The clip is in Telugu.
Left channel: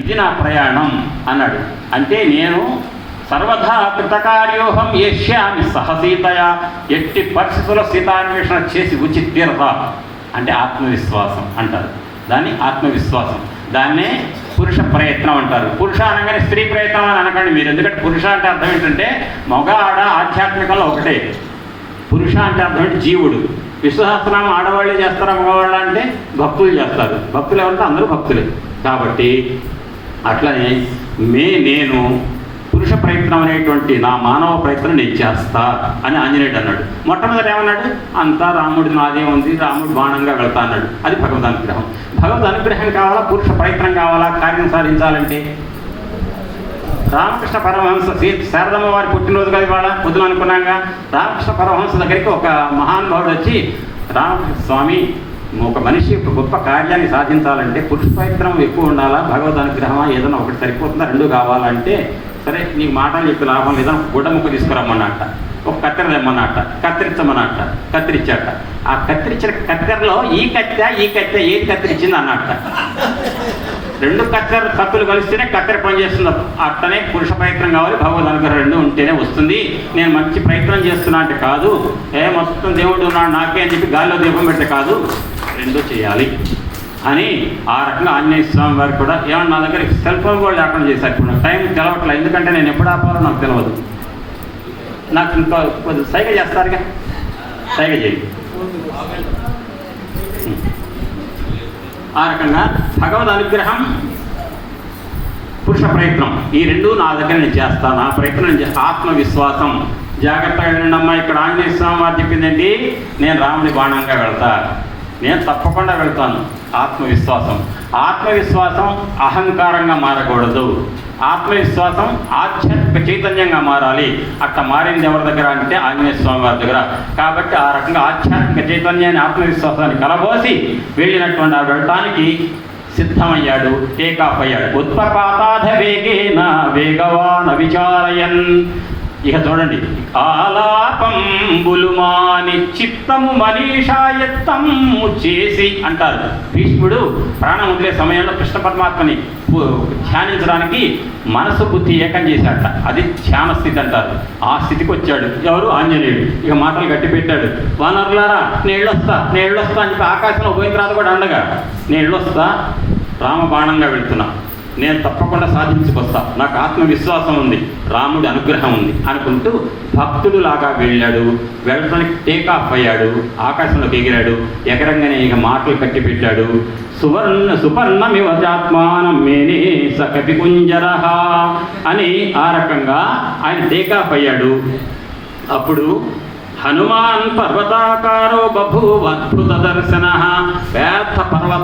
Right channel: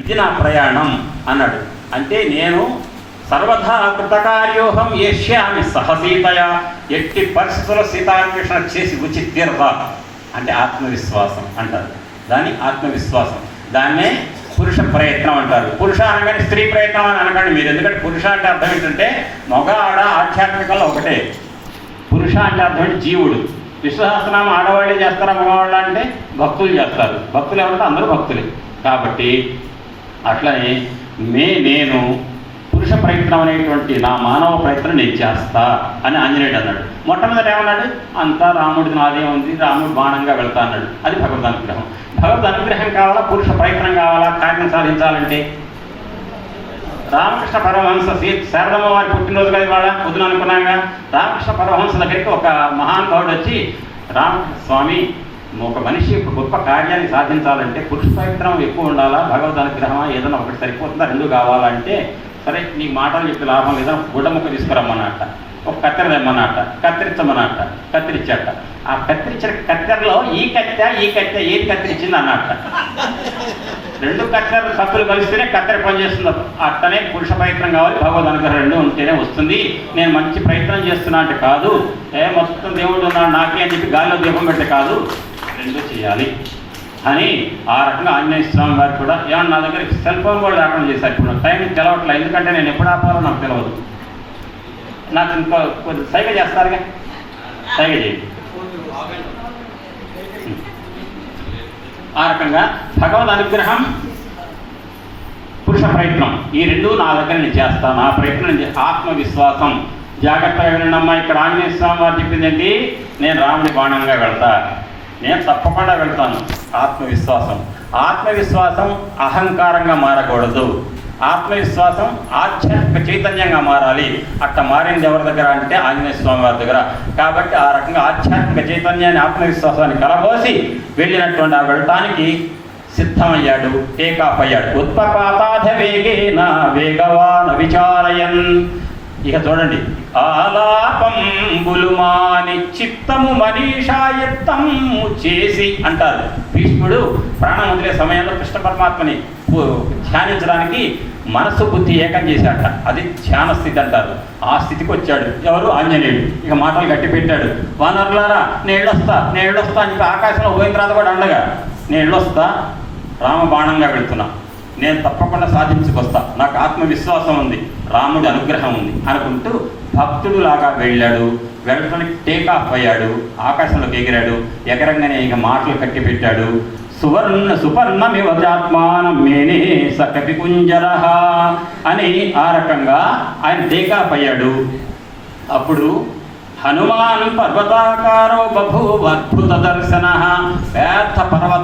ఇది నా ప్రయాణం అన్నాడు. అంటే నేను సర్వథా కృతకార్యోహం ఏష్యామి సహసీతయ ఎట్టి పరిస్థితుల్లో సీతాన్వేషణ చేసి ఉచిత తీరత అంటే ఆత్మవిశ్వాసం అంటారు. దాన్ని ఆత్మవిశ్వాసం. దాన్నే పురుష ప్రయత్నం అంటారు. పురుష అనగానే స్త్రీ ప్రయత్నం అని అనకండి మీరు. ఎందుకంటే పురుష అంటే అర్థం ఏంటంటే మగ ఆడ ఆధ్యాత్మికంలో ఒకటే. పురుష అంటే అర్థం ఏంటి? జీవుడు. విశ్వసహస్రనామం ఆడవాళ్ళే చేస్తారా మగవాళ్ళ అంటే భక్తులు చేస్తారు. భక్తులు ఎవరంటే అందరూ భక్తులే. కాబట్టి అట్లనే మే నేను పురుష ప్రయత్నం అనేటువంటి నా మానవ ప్రయత్నం నేను చేస్తా అని ఆంజనేయుడు అన్నాడు. మొట్టమొదటి ఏమన్నాడు? అంతా రాముడి నాదే ఉంది రాముడు బాణంగా వెళ్తా అన్నాడు. అది భగవద్ అనుగ్రహం. భగవద్ అనుగ్రహం కావాలా? పురుష ప్రయత్నం కావాలా? కార్యం సాధించాలంటే? రామకృష్ణ పరమహంస శారదమ్మ వారి పుట్టినరోజు కదా ఇవాళ పొద్దున అనుకున్నాగా రామకృష్ణ పరమహంస దగ్గరికి ఒక మహానుభావుడు వచ్చి రామకృష్ణ స్వామి ఒక మనిషి గొప్ప కార్యాన్ని సాధించాలంటే పురుష పవిత్రం ఎక్కువ ఉండాలా? భగవద్ అనుగ్రహమా? ఏదైనా ఒకటి సరిపోతుందా? రెండు కావాలంటే సరే నీకు మాటలు చెప్పి లాభం లేదా గుడ్డ ముక్క తీసుకురమ్మన్నట్ట ఒక కత్తెర తెమ్మన్నట్ట కత్తిరించమన్నట్ట కత్తిరించట ఆ కత్తిరించిన కత్తెరలో ఈ కత్తె ఈ కత్తె ఏది కత్తిరించింది అన్నట్ట రెండు కత్తెర కత్తులు కలిస్తేనే కత్తెర పనిచేస్తుంది అట్టనే పురుష ప్రయత్నం కావాలి భగవద్ అనుగ్రహం రెండు ఉంటేనే వస్తుంది. నేను మంచి ప్రయత్నం చేస్తున్నా అంటే కాదు. ఏ మొత్తం దేవుడు ఉన్నాడు నాకే అని చెప్పి గాలిలో దీపం పెట్టే కాదు. ఎందుకు చేయాలి? అని ఆ రకంగా ఆంజనేయ స్వామి వారు కూడా ఏమన్నా నా దగ్గర సెల్ ఫోన్ కూడా లేకుండా చేశారు ఇప్పుడు టైం తెలవట్లేదు ఎందుకంటే నేను ఎప్పుడు ఆపాలో నాకు తెలియదు నాకు ఇంకో కొద్ది సైగ చేస్తారుగా? సైగ చేయండి ఆ రకంగా భగవద్ అనుగ్రహం పురుష ప్రయత్నం ఈ రెండు నా దగ్గర నేను చేస్తాను. నా ప్రయత్నం నేను ఆత్మవిశ్వాసం. జాగ్రత్తగా వినండమ్మా ఇక్కడ ఆంజనేయ స్వామి వారు చెప్పిందండి నేను రాముడి బాణంగా వెళ్తా. నేను తప్పకుండా వెళ్తాను. ఆత్మవిశ్వాసం. ఆత్మవిశ్వాసం అహంకారంగా మారకూడదు. ఆత్మవిశ్వాసం ఆధ్యాత్మిక చైతన్యంగా మారాలి. అట్ట మారింది ఎవరి దగ్గర అంటే ఆంజనేయ స్వామి వారి దగ్గర. కాబట్టి ఆ రకంగా ఆధ్యాత్మిక చైతన్యాన్ని ఆత్మవిశ్వాసాన్ని కలబోసి వెళ్ళినటువంటి ఆ వెళ్ళటానికి సిద్ధమయ్యాడు టేకాఫ్ అయ్యాడు. ఉత్పపాతాధ వేగేన వేగవాన విచారయన్. ఇక చూడండి. ఆలాపంబులు మాని చిత్తము మనీషాయత్తము చేసి అంటారు. భీష్ముడు ప్రాణం వదిలే సమయంలో కృష్ణ పరమాత్మని ధ్యానించడానికి మనసు బుద్ధి ఏకం చేశాట అది ధ్యాన స్థితి అంటారు. ఆ స్థితికి వచ్చాడు. ఎవరు? ఆంజనేయుడు. ఇక మాటలు గట్టి పెట్టాడు. వానరులారా నేను వస్తా నేను అని చెప్పి ఆకాశంలో పోయిన తర్వాత కూడా అండగా నేను రామ బాణంగా వెళుతున్నా. నేను తప్పకుండా సాధించుకొస్తా నాకు ఆత్మవిశ్వాసం ఉంది. రాముడి అనుగ్రహం ఉంది అనుకుంటూ భక్తుడు లాగా వెళ్ళాడు. వెళ్ళడానికి టేక్ ఆఫ్ అయ్యాడు. ఆకాశంలోకి ఎగిరాడు. ఎగరంగానే ఇక మాటలు కట్టి పెట్టాడు సువర్ణ సుపర్ణమివచాత్మానం మేనే స కపికుంజర అని ఆ రకంగా ఆయన టేక్ ఆఫ్ అయ్యాడు. అప్పుడు హనుమాన్ పర్వతాకారో బభూవ అద్భుత దర్శన వ్యర్థ పర్వతం